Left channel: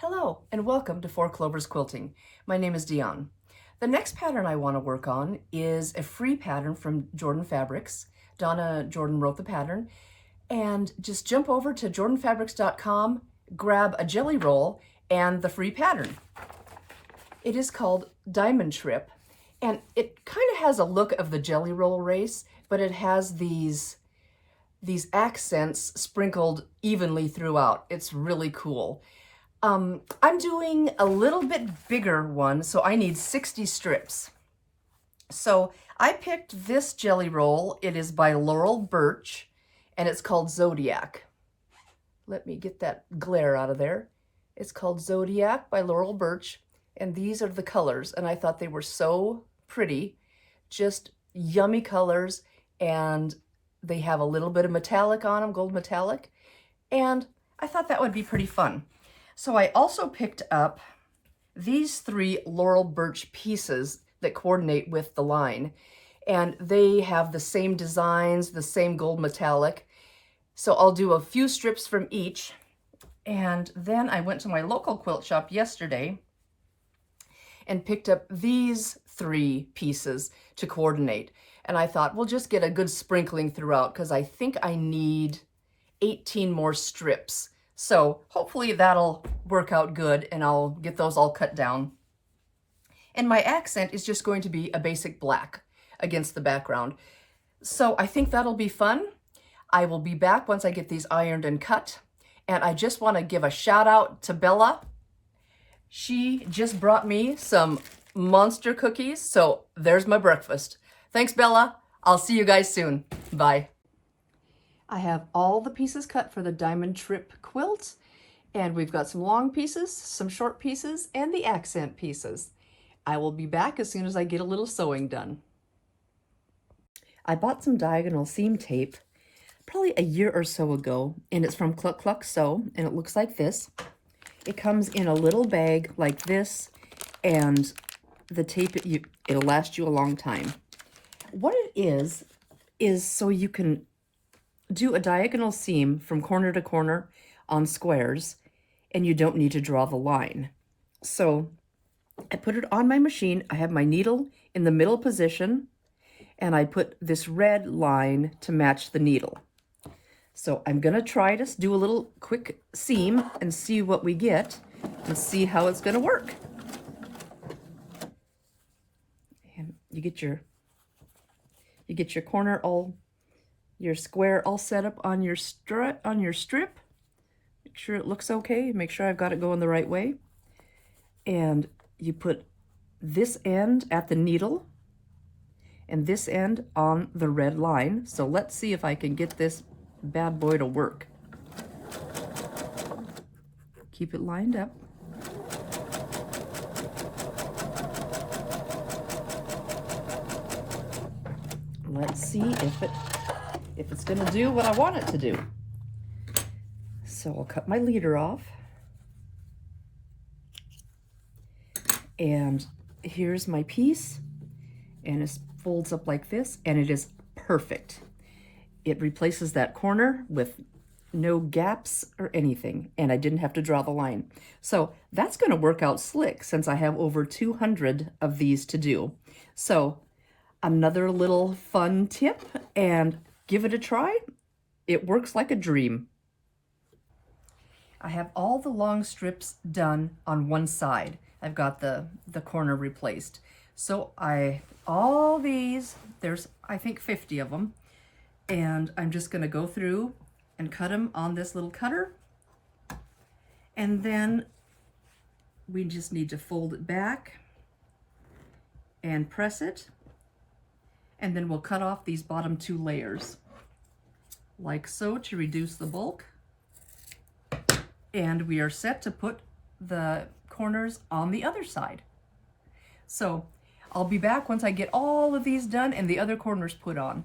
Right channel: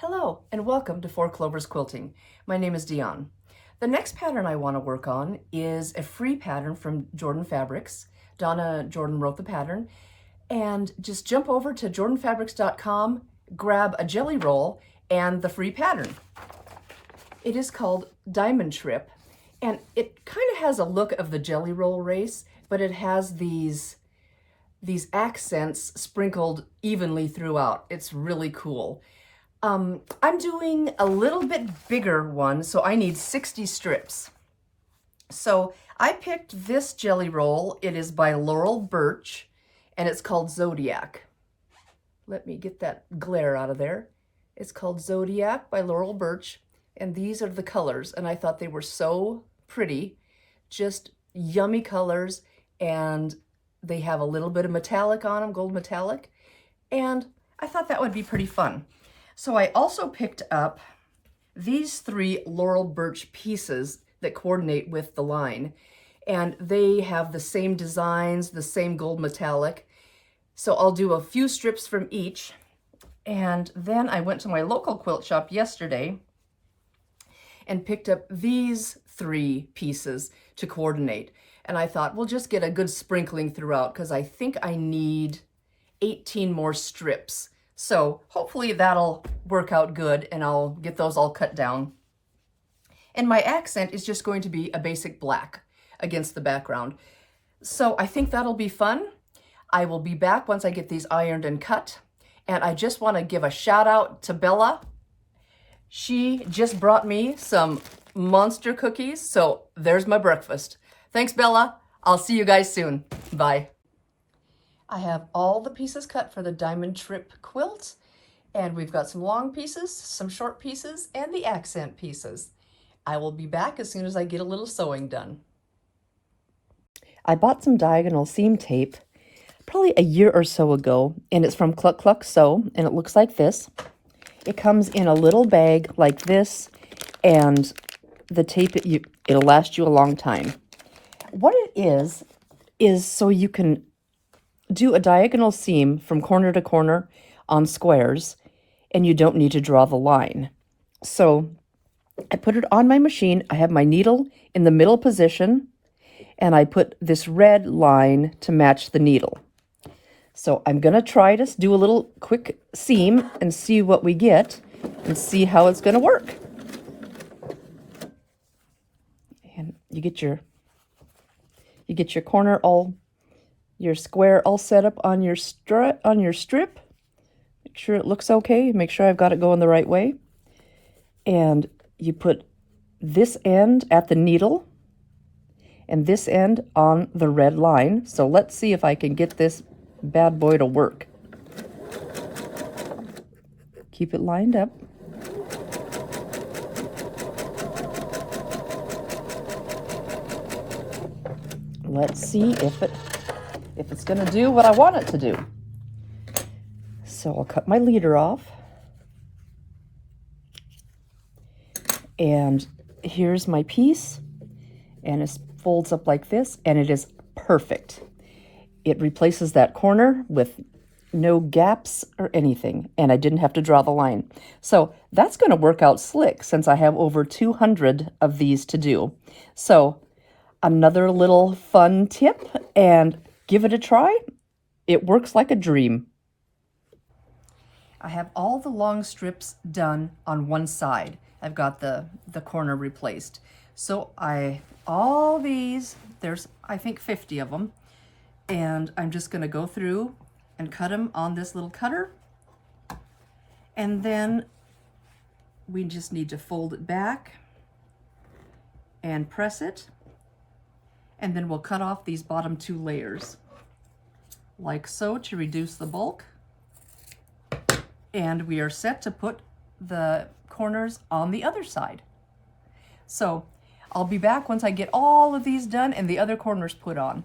Hello and welcome to Four Clovers Quilting. My name is Diahn. The next pattern I want to work on is a free pattern from Jordan Fabrics. Donna Jordan wrote the pattern. And just jump over to jordanfabrics.com, grab a jelly roll and the free pattern. It is called Diamond Trip, and it kind of has a look of the jelly roll race, but it has these accents sprinkled evenly throughout. It's really cool. I'm doing a little bit bigger one, so I need 60 strips. So I picked this jelly roll. It is by Laurel Burch, and it's called Zodiac. Let me get that glare out of there. It's called Zodiac by Laurel Burch, and these are the colors, and I thought they were so pretty. Just yummy colors, and they have a little bit of metallic on them, gold metallic, and I thought that would be pretty fun. So I also picked up these 3 Laurel Burch pieces that coordinate with the line, and they have the same designs, the same gold metallic. So I'll do a few strips from each, and then I went to my local quilt shop yesterday and picked up these 3 pieces to coordinate. And I thought, we'll just get a good sprinkling throughout because I think I need 18 more strips. So hopefully that'll work out good and I'll get those all cut down. And my accent is just going to be a basic black against the background. So I think that'll be fun. I will be back once I get these ironed and cut. And I just want to give a shout out to Bella. She just brought me some monster cookies. So there's my breakfast. Thanks, Bella. I'll see you guys soon. Bye. I have all the pieces cut for the Diamond Trip quilt, and we've got some long pieces, some short pieces, and the accent pieces. I will be back as soon as I get a little sewing done. I bought some diagonal seam tape probably a year or so ago, and it's from Cluck Cluck Sew, and it looks like this. It comes in a little bag like this, and the tape, it'll last you a long time. What it is so you can do a diagonal seam from corner to corner on squares, and you don't need to draw the line. So I put it on my machine. I have my needle in the middle position, and I put this red line to match the needle. So I'm going to try to do a little quick seam and see what we get and see how it's going to work. And you get your corner all, your square all set up on your strip. Make sure it looks okay. Make sure I've got it going the right way. And you put this end at the needle and this end on the red line. So let's see if I can get this bad boy to work. Keep it lined up. Let's see if it's going to do what I want it to do. So I'll cut my leader off. And here's my piece. And it folds up like this, and it is perfect. It replaces that corner with no gaps or anything, and I didn't have to draw the line. So that's going to work out slick since I have over 200 of these to do. So another little fun tip, and give it a try. It works like a dream. I have all the long strips done on one side. I've got the corner replaced. So all these, there's I think 50 of them, and I'm just going to go through and cut them on this little cutter. And then we just need to fold it back and press it. And then we'll cut off these bottom 2 layers like so to reduce the bulk. And we are set to put the corners on the other side. So I'll be back once I get all of these done and the other corners put on.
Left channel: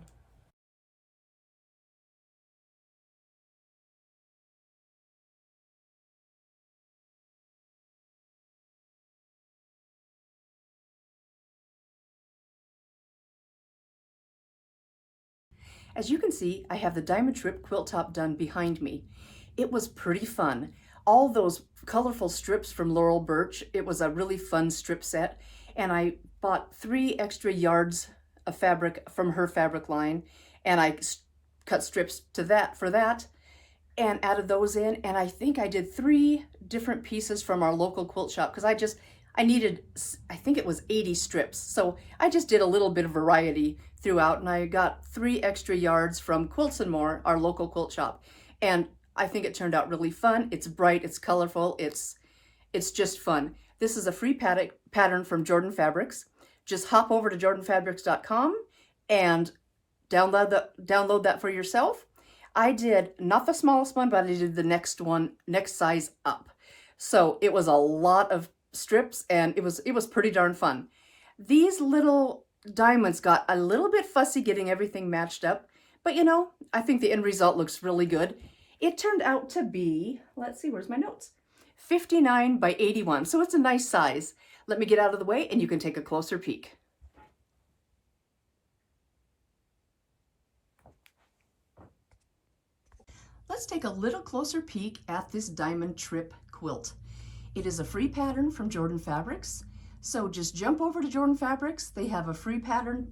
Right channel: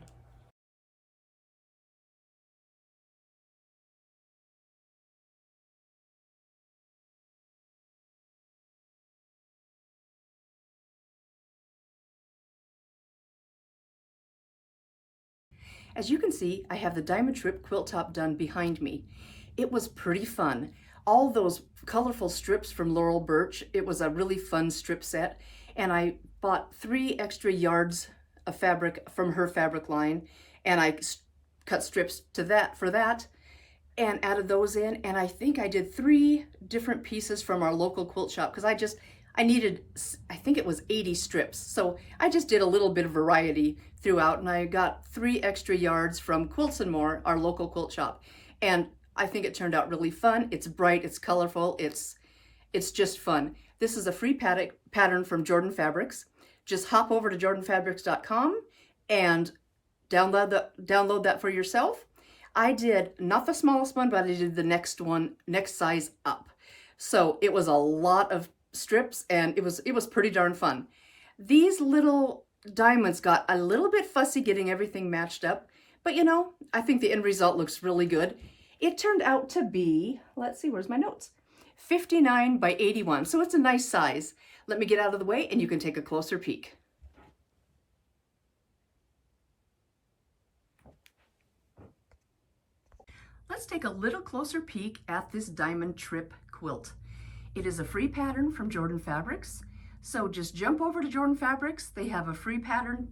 As you can see, I have the Diamond Trip quilt top done behind me. It was pretty fun. All those colorful strips from Laurel Burch. It was a really fun strip set, and I bought 3 extra yards of fabric from her fabric line, and I cut strips for that and added those in, and I think I did 3 different pieces from our local quilt shop because I needed, I think it was 80 strips, so I just did a little bit of variety throughout, and I got 3 extra yards from Quilts and More, our local quilt shop, and I think it turned out really fun. It's bright, it's colorful, it's just fun. This is a free pattern from Jordan Fabrics. Just hop over to jordanfabrics.com and download that for yourself. I did not the smallest one, but I did the next size up. So it was a lot of strips, and it was pretty darn fun. These little diamonds got a little bit fussy getting everything matched up, but you know, I think the end result looks really good. It turned out to be, let's see, where's my notes? 59 by 81, so it's a nice size. Let me get out of the way and you can take a closer peek. Let's take a little closer peek at this diamond trip quilt. It is a free pattern from Jordan Fabrics, so just jump over to Jordan Fabrics. They have a free pattern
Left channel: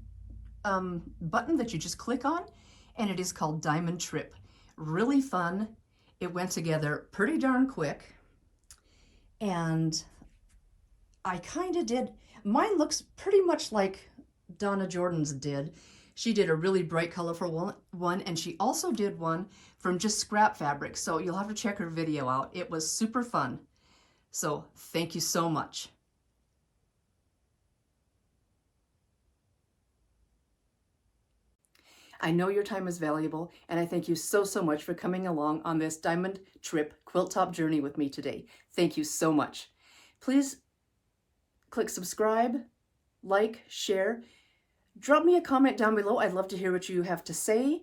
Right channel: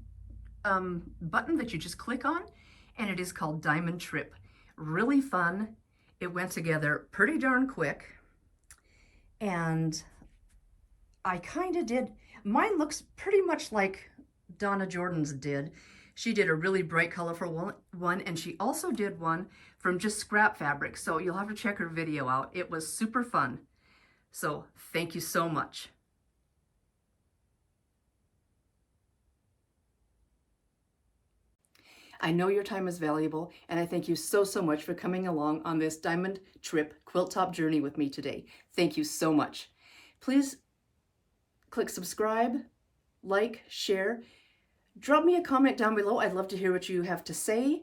button that you just click on, and it is called Diamond Trip. Really fun. It went together pretty darn quick, and I kind of did, mine looks pretty much like Donna Jordan's did. She did a really bright, colorful one, and she also did one from just scrap fabric, so you'll have to check her video out. It was super fun. So thank you so much. I know your time is valuable, and I thank you so much for coming along on this Diamond Trip quilt top journey with me today. Thank you so much. Please click subscribe, like, share. Drop me a comment down below. I'd love to hear what you have to say.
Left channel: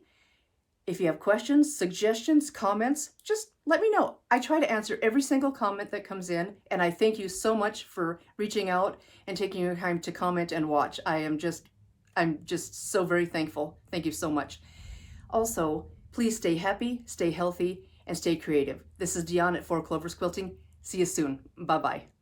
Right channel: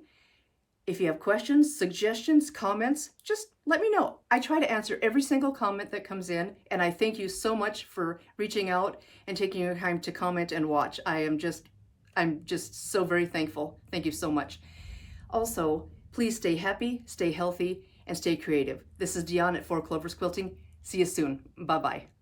If you have questions, suggestions, comments, just let me know. I try to answer every single comment that comes in, and I thank you so much for reaching out and taking your time to comment and watch. I'm just so very thankful. Thank you so much. Also, please stay happy, stay healthy, and stay creative. This is Diahn at 4 Clovers Quilting. See you soon. Bye-bye.